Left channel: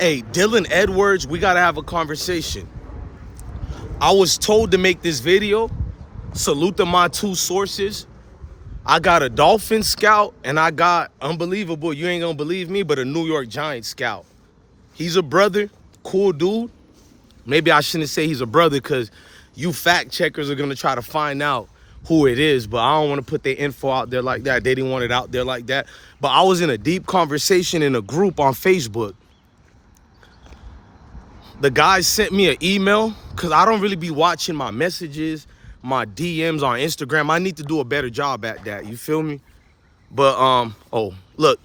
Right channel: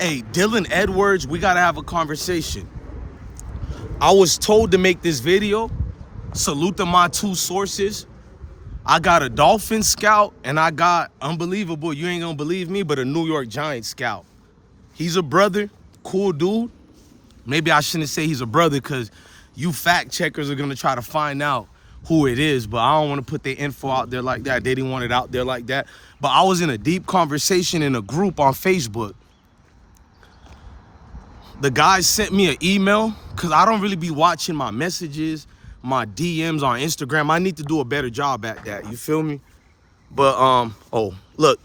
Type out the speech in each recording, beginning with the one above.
Hey, Dylan Edwards, we gotta have a conversation. I was told to make this video. Salute to my two sources. I got a Dolphin scout and I got, unbelievable, you ain't gonna believe me, but a New York Giants scout. He's a brother, cool dude. Maybe I shouldn't say he's a brother because you fact checkers are gonna try to find out who it is, but I don't wanna put their info out there like that. They didn't want it out there like that. But I was in a deep conversation in a group on Facebook. The guy sent me an email because I don't really be watching my messages, my DMs on Instagram. I need to do a better job at that. You feel me? But oh, look,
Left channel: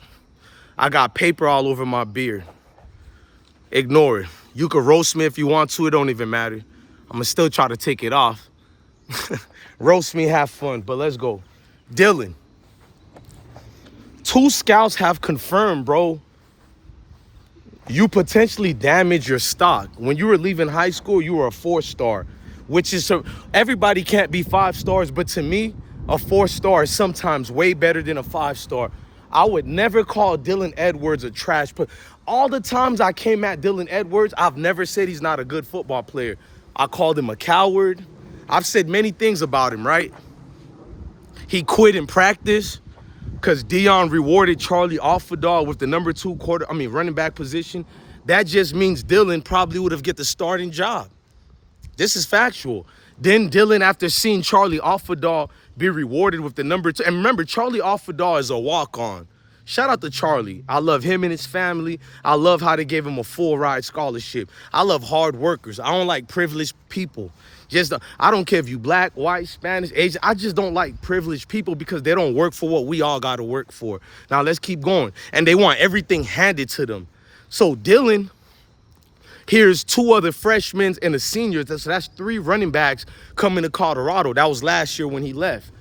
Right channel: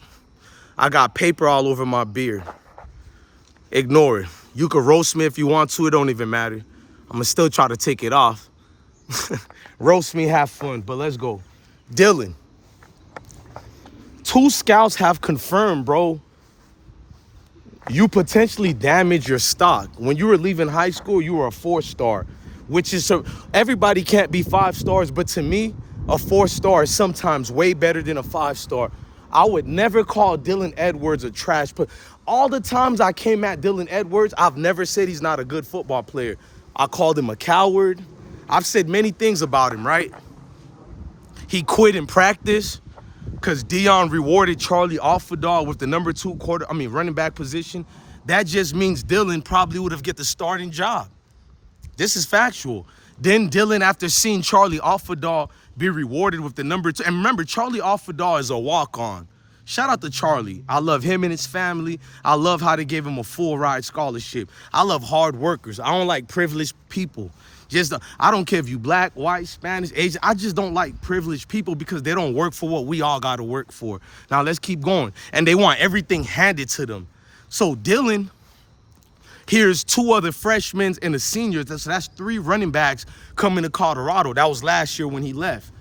I got paper all over my beard. Ignore it. You can roast me if you want to. It don't even matter. I'm gonna still try to take it off. Roast me, have fun. But let's go. Dylan. Two scouts have confirmed, bro, you potentially damage your stock. When you were leaving high school, you were a 4-star, which is, everybody can't be 5 stars, but to me, a 4-star is sometimes way better than a 5-star. I would never call Dylan Edwards a trash player. All the times I came at Dylan Edwards, I've never said he's not a good football player. I called him a coward. I've said many things about him, right? He quit in practice because Deion rewarded Charlie Alfadal with the number 2 running back position. That just means Dylan probably would have get the starting job. This is factual. Then Dylan, after seeing Charlie Alfadal be rewarded with the number 2, and remember, Charlie Alfadal is a walk-on. Shout out to Charlie. I love him and his family. I love how they gave him a full ride scholarship. I love hard workers. I don't like privileged people. I don't care if you black, white, Spanish, Asian. I just don't like privileged people because they don't work for what we all got to work for. Now let's keep going. And they want everything handed to them. So Dylan, here's 2 other freshmen and a senior. So that's 3 running backs coming to Colorado. That was last year when he left.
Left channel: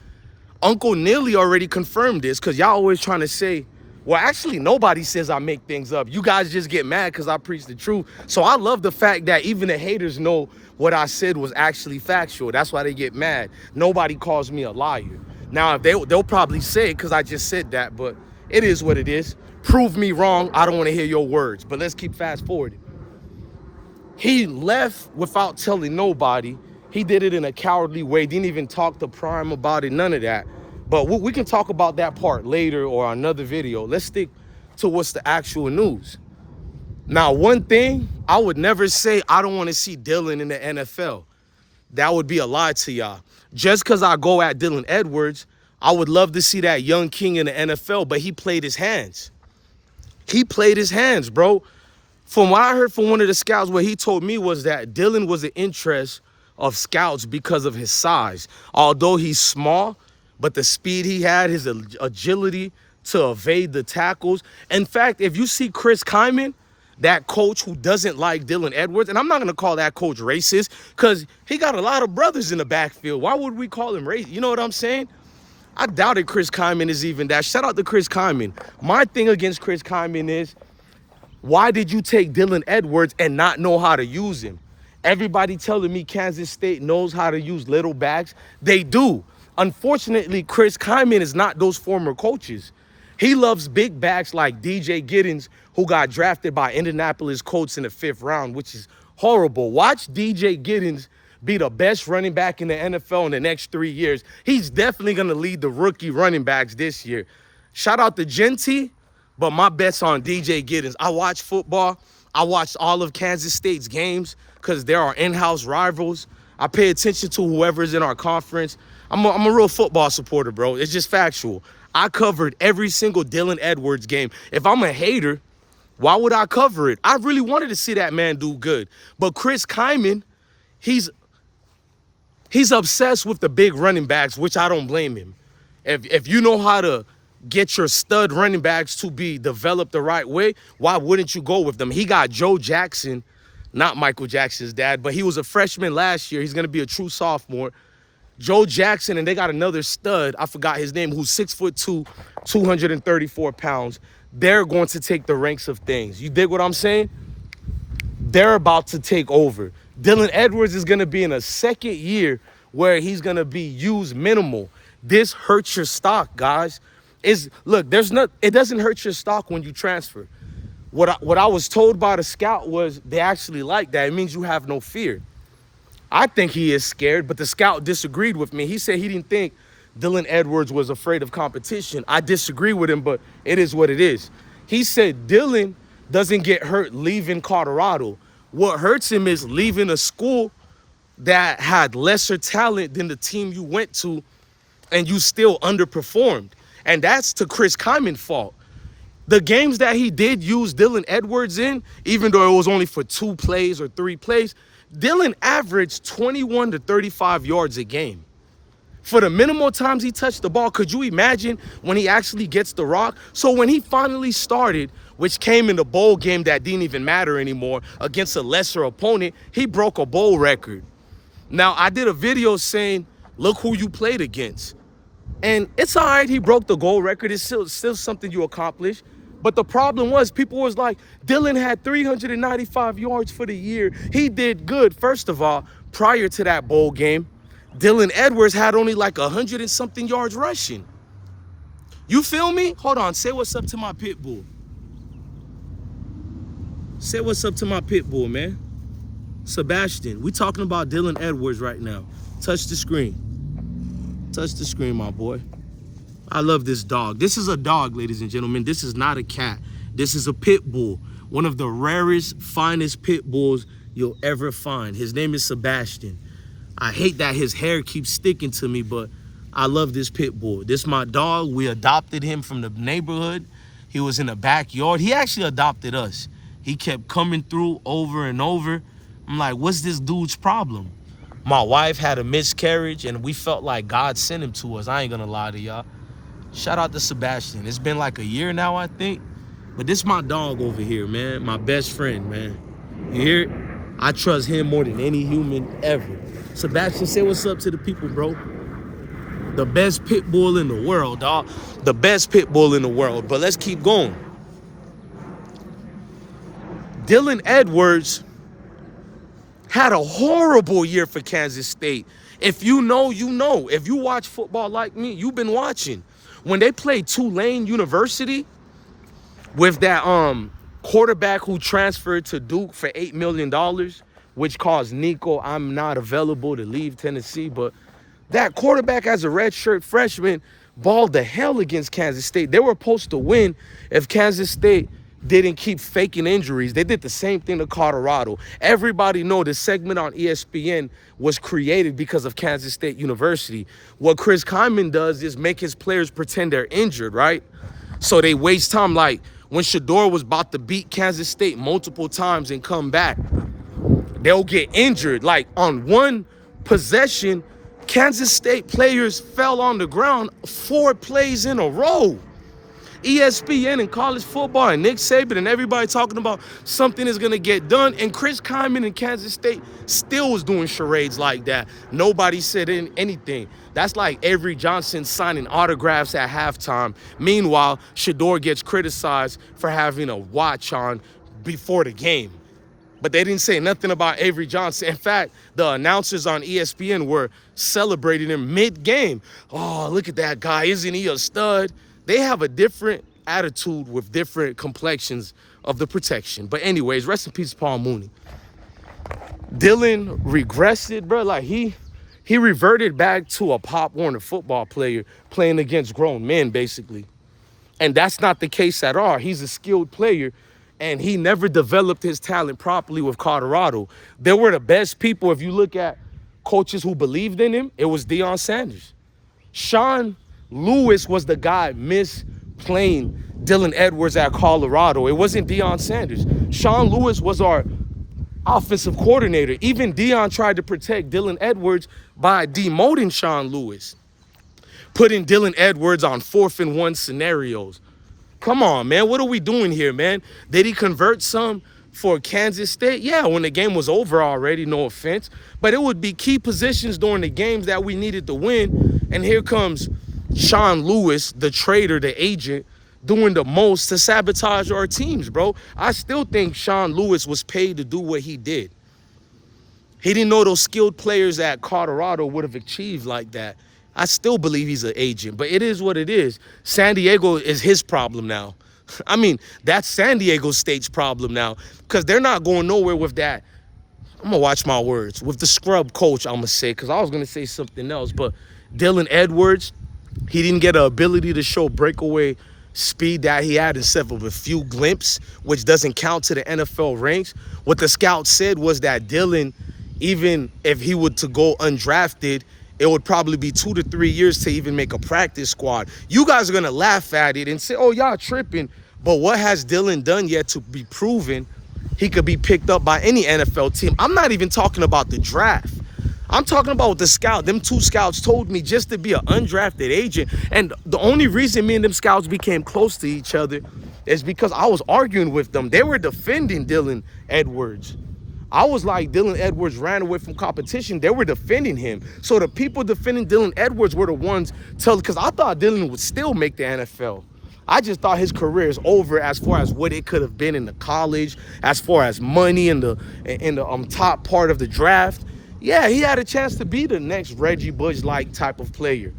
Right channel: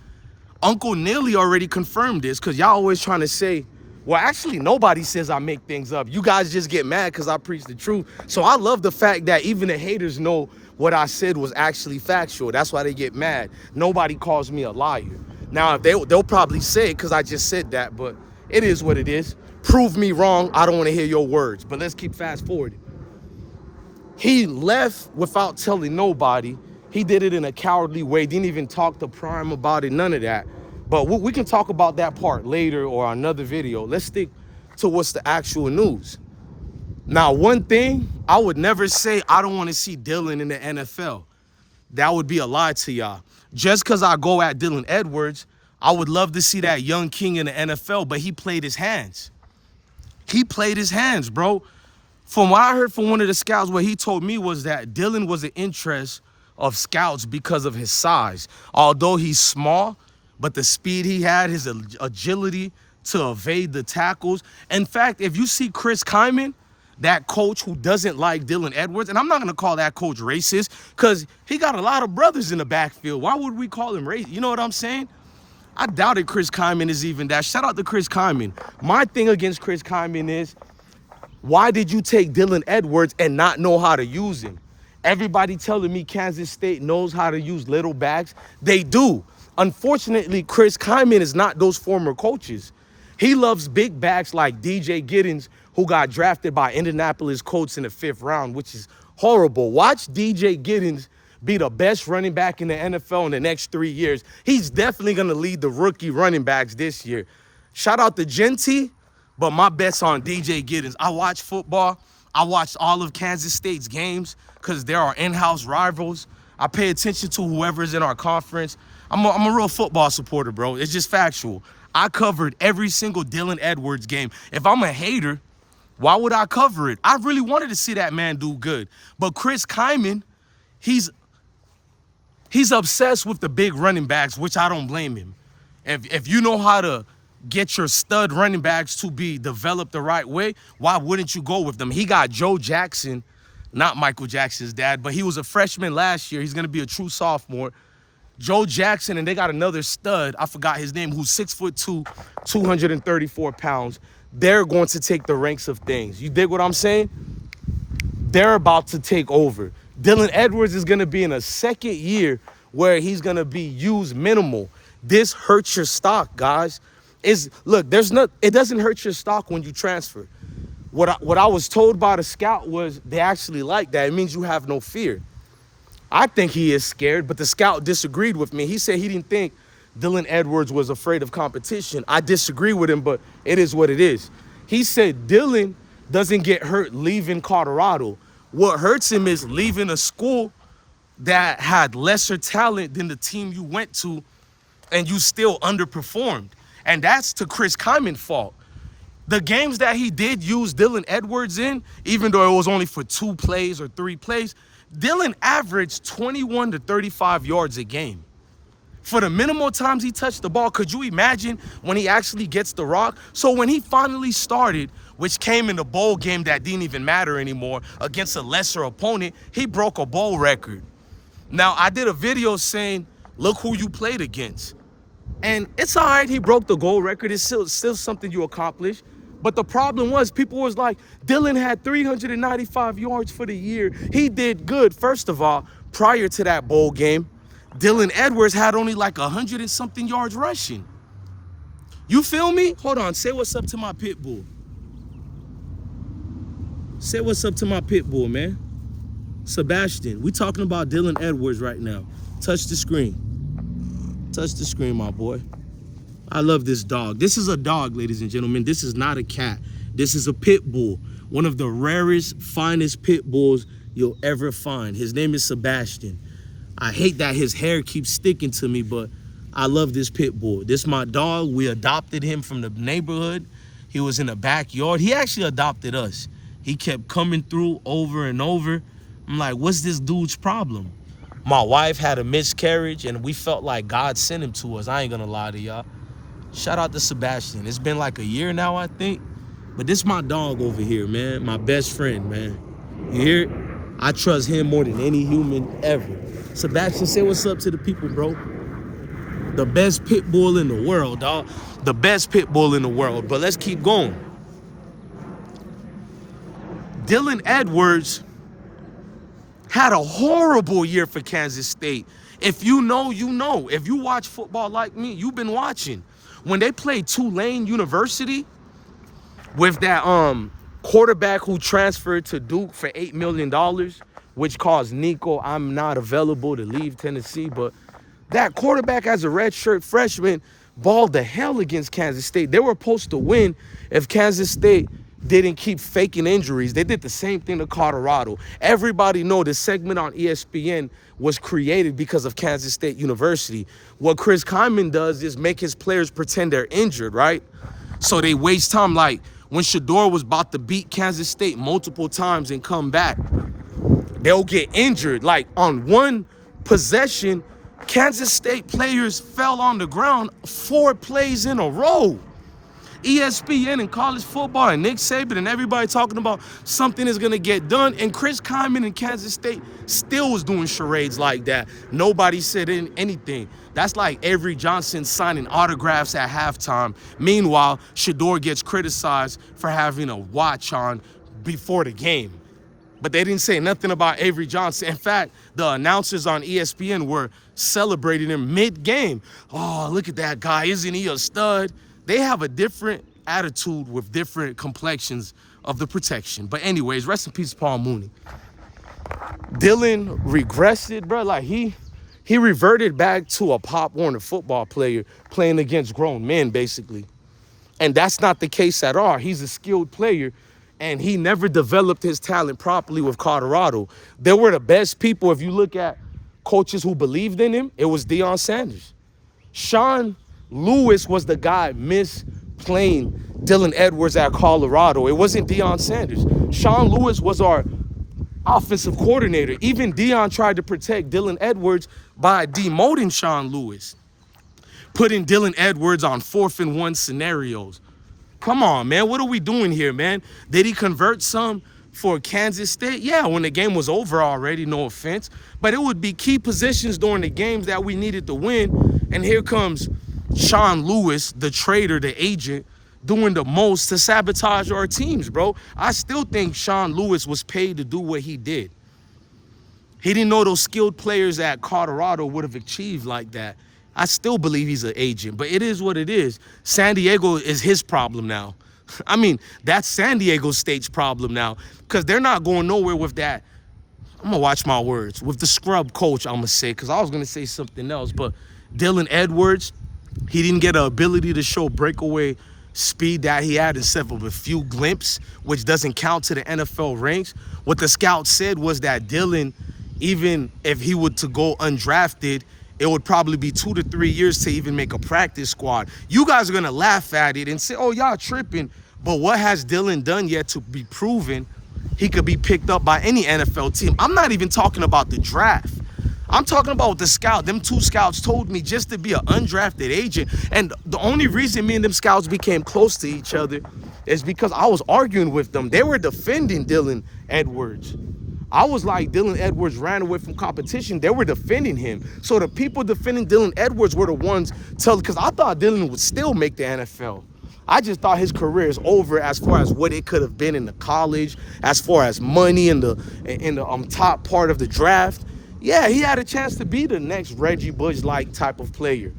Uncle Nearly already confirmed this because y'all always trying to say, well, actually, nobody says I make things up. You guys just get mad because I preach the truth. So I love the fact that even the haters know what I said was actually factual. That's why they get mad. Nobody calls me a liar. Now, they'll probably say it because I just said that, but it is what it is. Prove me wrong. I don't want to hear your words, but let's keep fast forwarding. He left without telling nobody. He did it in a cowardly way. Didn't even talk to Prime about it, none of that. But we can talk about that part later or another video. Let's stick to what's the actual news. Now, one thing, I would never say I don't want to see Dylan in the NFL. That would be a lie to y'all. Just because I go at Dylan Edwards, I would love to see that young king in the NFL, but he played his hands. He played his hands, bro. From what I heard from one of the scouts, what he told me was that Dylan was an interest of scouts because of his size. Although he's small, but the speed he had, his agility to evade the tackles. In fact, if you see Chris Kyman, that coach who doesn't like Dylan Edwards, and I'm not going to call that coach racist because he got a lot of brothers in the backfield. Why would we call him racist? You know what I'm saying? I doubted Chris Kyman is even that. Shout out to Chris Kyman. My thing against Chris Kyman is, why did you take Dylan Edwards and not know how to use him? Everybody telling me Kansas State knows how to use little backs. They do. Unfortunately, Chris Kyman is not those former coaches. He loves big backs like DJ Giddens, who got drafted by Indianapolis Colts in the 5th round, which is horrible. Watch DJ Giddens be the best running back in the NFL in the next 3 years. He's definitely going to lead the rookie running backs this year. Shout out to Genty, but my bet's on DJ Giddens. I watch football. I watched all of Kansas State's games because there are in-house rivals. I pay attention to whoever's in our conference. I'm a real football supporter, bro. It's just factual. I covered every single Dylan Edwards game. If I'm a hater, why would I cover it? I really wanted to see that man do good. But Chris Kyman, he's obsessed with the big running backs, which I don't blame him. If you know how to get your stud running backs to be developed the right way, why wouldn't you go with them? He got Joe Jackson, not Michael Jackson's dad, but he was a freshman last year. He's going to be a true sophomore. Joe Jackson, and they got another stud, I forgot his name, who's 6'2", 234 pounds. They're going to take the ranks of things. You dig what I'm saying? They're about to take over. Dylan Edwards is going to be in a second year where he's going to be used minimal. This hurts your stock, guys. It doesn't hurt your stock when you transfer. What I was told by the scout was they actually like that. It means you have no fear. I think he is scared, but the scout disagreed with me. He said he didn't think Dylan Edwards was afraid of competition. I disagree with him, but it is what it is. He said Dylan doesn't get hurt leaving Colorado. What hurts him is leaving a school that had lesser talent than the team you went to and you still underperformed. And that's to Chris Kyman's fault. The games that he did use Dylan Edwards in, even though it was only for 2 plays or 3 plays, Dylan averaged 21 to 35 yards a game. For the minimal times he touched the ball, could you imagine when he actually gets the rock? So when he finally started, which came in the bowl game that didn't even matter anymore, against a lesser opponent, he broke a bowl record. Now, I did a video saying, look who you played against. And it's all right, he broke the goal record. It's still something you accomplish. But the problem was, people was like, Dylan had 395 yards for the year. He did good. First of all, prior to that bowl game, Dylan Edwards had only like 100 and something yards rushing. You feel me? Hold on, say what's up to my pit bull. Say what's up to my pit bull, man. Sebastian, we talking about Dylan Edwards right now. Touch the screen. Touch the screen, my boy. I love this dog. This is a dog, ladies and gentlemen. This is not a cat. This is a pit bull. One of the rarest, finest pit bulls you'll ever find. His name is Sebastian. I hate that his hair keeps sticking to me, but I love this pit bull. This is my dog. We adopted him from the neighborhood. He was in the backyard. He actually adopted us. He kept coming through over and over. I'm like, what's this dude's problem? My wife had a miscarriage, and we felt like God sent him to us. I ain't gonna lie to y'all. Shout out to Sebastian. It's been like a year now, I think. But this is my dog over here, man. My best friend, man. You hear it? I trust him more than any human ever. Sebastian, say what's up to the people, bro. The best pit bull in the world, dog. The best pit bull in the world. But let's keep going. Dylan Edwards had a horrible year for Kansas State. If you know, you know. If you watch football like me, you've been watching. When they played Tulane University with that quarterback who transferred to Duke for $8 million, which caused Nico, I'm not available, to leave Tennessee. But that quarterback as a redshirt freshman balled the hell against Kansas State. They were supposed to win if Kansas State didn't keep faking injuries. They did the same thing to Colorado. Everybody know this segment on ESPN was created because of Kansas State University. What Chris Kyman does is make his players pretend they're injured, right? So they waste time. Like when Shador was about to beat Kansas State multiple times and come back, they'll get injured. Like on one possession, Kansas State players fell on the ground 4 plays in a row. ESPN and college football and Nick Saban and everybody talking about something is going to get done. And Chris Kyman in Kansas State still was doing charades like that. Nobody said anything. That's like Avery Johnson signing autographs at halftime. Meanwhile, Shador gets criticized for having a watch on before the game. But they didn't say nothing about Avery Johnson. In fact, the announcers on ESPN were celebrating him mid-game. Oh, look at that guy. Isn't he a stud? They have a different attitude with different complexions of the protection. But anyways, rest in peace, Paul Mooney. Dylan regressed, bro. Like he reverted back to a Pop Warner football player playing against grown men, basically. And that's not the case at all. He's a skilled player, and he never developed his talent properly with Colorado. They were the best people. If you look at coaches who believed in him, it was Deion Sanders. Sean Lewis was the guy misplaying Dylan Edwards at Colorado. It wasn't Deion Sanders. Sean Lewis was our offensive coordinator. Even Deion tried to protect Dylan Edwards by demoting Sean Lewis, putting Dylan Edwards on 4th and 1 scenarios. Come on, man. What are we doing here, man? Did he convert some for Kansas State? Yeah, when the game was over already, no offense. But it would be key positions during the games that we needed to win. And here comes Sean Lewis, the trader, the agent, doing the most to sabotage our teams, bro. I still think Sean Lewis was paid to do what he did. He didn't know those skilled players at Colorado would have achieved like that. I still believe he's an agent, but it is what it is. San Diego is his problem now. I mean, that's San Diego State's problem now, because they're not going nowhere with that. I'm gonna watch my words with the scrub coach. I'm gonna say, because I was gonna say something else, but Dylan Edwards, he didn't get an ability to show breakaway speed that he had instead of a few glimpses, which doesn't count to the NFL ranks. What the scout said was that Dylan, even if he were to go undrafted, it would probably be 2 to 3 years to even make a practice squad. You guys are gonna laugh at it and say, oh, y'all tripping. But what has Dylan done yet to be proven he could be picked up by any NFL team? I'm not even talking about the draft. I'm talking about the scout. Them two scouts told me just to be an undrafted agent. And the only reason me and them scouts became close to each other is because I was arguing with them. They were defending Dylan Edwards. I was like, Dylan Edwards ran away from competition. They were defending him. So the people defending Dylan Edwards were the ones because I thought Dylan would still make the NFL. I just thought his career is over as far as what it could have been in the college, as far as money in the top part of the draft. Yeah, he had a chance to be the next Reggie Bush-like type of player.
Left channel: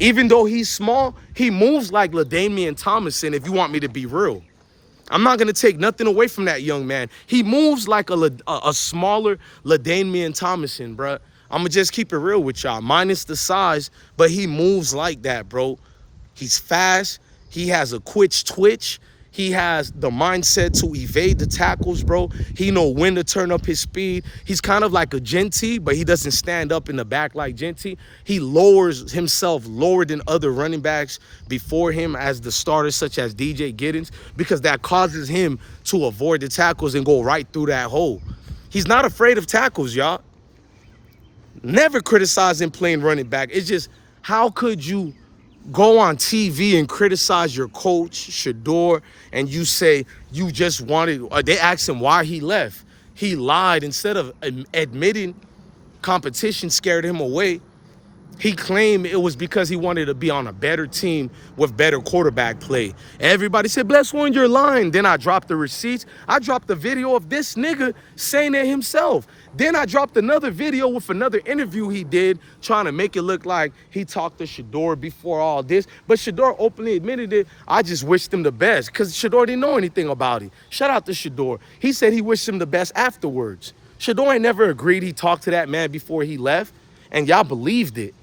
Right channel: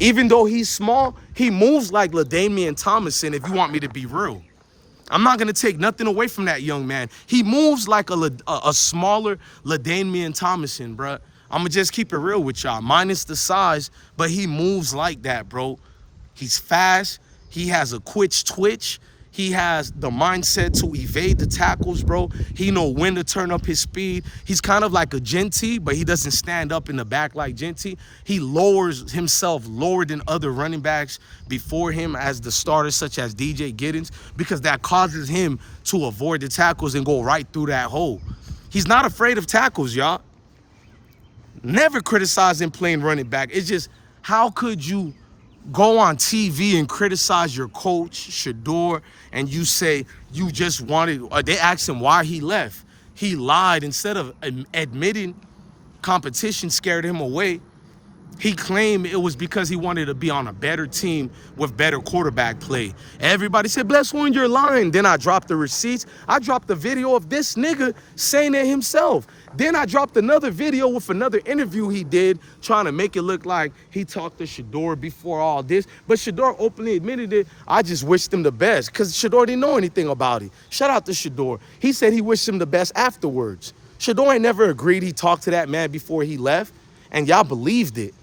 Even though he's small, he moves like LaDainian Tomlinson, if you want me to be real. I'm not going to take nothing away from that young man. He moves like a smaller LaDainian Tomlinson, bro. I'm going to just keep it real with y'all. Minus the size, but he moves like that, bro. He's fast. He has a quick twitch. He has the mindset to evade the tackles, bro. He know when to turn up his speed. He's kind of like a Genty, but he doesn't stand up in the back like Genty. He lowers himself lower than other running backs before him as the starters, such as DJ Giddens, because that causes him to avoid the tackles and go right through that hole. He's not afraid of tackles, y'all. Never criticize him playing running back. It's just, how could you go on TV and criticize your coach, Shador, and you say you just wanted, they asked him why he left. He lied. Instead of admitting competition scared him away, he claimed it was because he wanted to be on a better team with better quarterback play. Everybody said, bless one, you're lying. Then I dropped the receipts. I dropped the video of this nigga saying it himself. Then I dropped another video with another interview he did trying to make it look like he talked to Shador before all this. But Shador openly admitted it. I just wished him the best because Shador didn't know anything about it. Shout out to Shador. He said he wished him the best afterwards. Shador ain't never agreed he talked to that man before he left, and y'all believed it.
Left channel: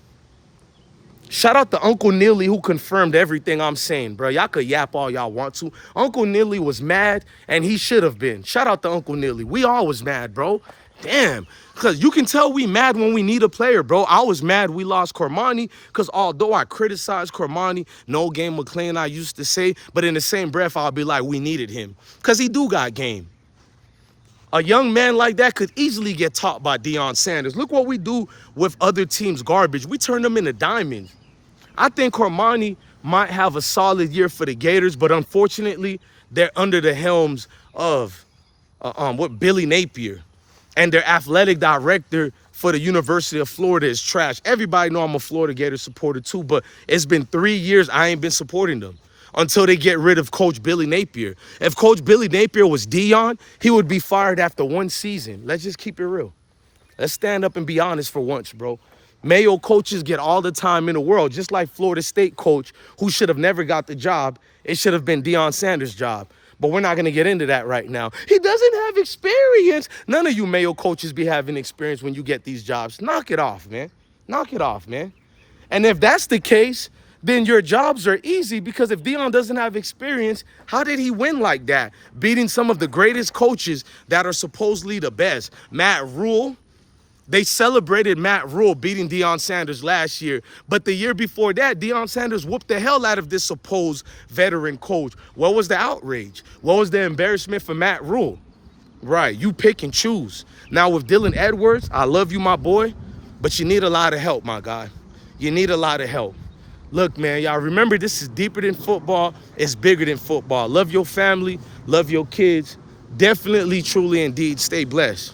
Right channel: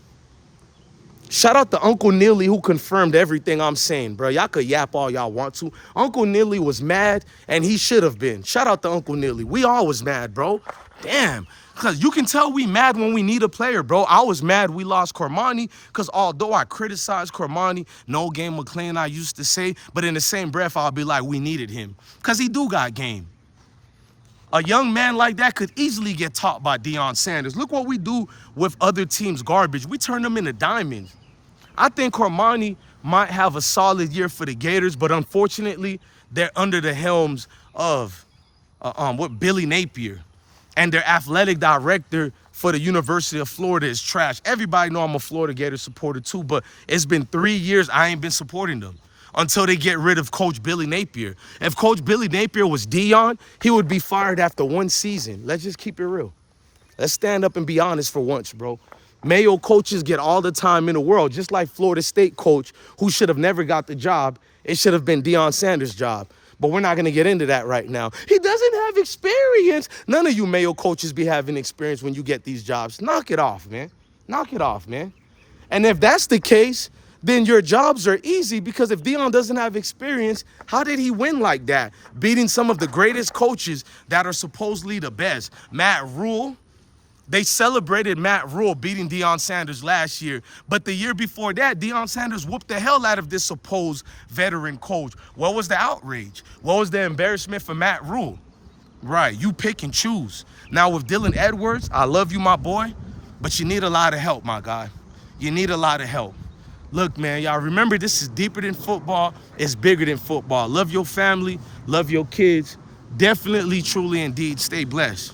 Shout out to Uncle Neely who confirmed everything I'm saying, bro. Y'all could yap all y'all want to. Uncle Neely was mad, and he should have been. Shout out to Uncle Neely. We all was mad, bro. Damn. Because you can tell we mad when we need a player, bro. I was mad we lost Cormani because although I criticized Cormani, no game McClain I used to say, but in the same breath, I'll be like, we needed him because he do got game. A young man like that could easily get taught by Deion Sanders. Look what we do with other teams' garbage. We turn them into diamonds. I think Cormani might have a solid year for the Gators, but unfortunately, they're under the helms of Billy Napier. And their athletic director for the University of Florida is trash. Everybody know I'm a Florida Gator supporter too, but it's been 3 years I ain't been supporting them until they get rid of Coach Billy Napier. If Coach Billy Napier was Deion, he would be fired after one season. Let's just keep it real. Let's stand up and be honest for once, bro. Mayo coaches get all the time in the world, just like Florida State coach who should have never got the job. It should have been Deion Sanders' job. But we're not going to get into that right now. He doesn't have experience. None of you Mayo coaches be having experience when you get these jobs. Knock it off, man. Knock it off, man. And if that's the case, then your jobs are easy because if Deion doesn't have experience, how did he win like that? Beating some of the greatest coaches that are supposedly the best. Matt Rule. They celebrated Matt Rule beating Deion Sanders last year. But the year before that, Deion Sanders whooped the hell out of this supposed veteran coach. What was the outrage? What was the embarrassment for Matt Rule? Right, you pick and choose. Now with Dylan Edwards, I love you, my boy, but you need a lot of help, my guy. You need a lot of help. Look, man, y'all remember this is deeper than football. It's bigger than football. Love your family. Love your kids. Definitely, truly, indeed, stay blessed.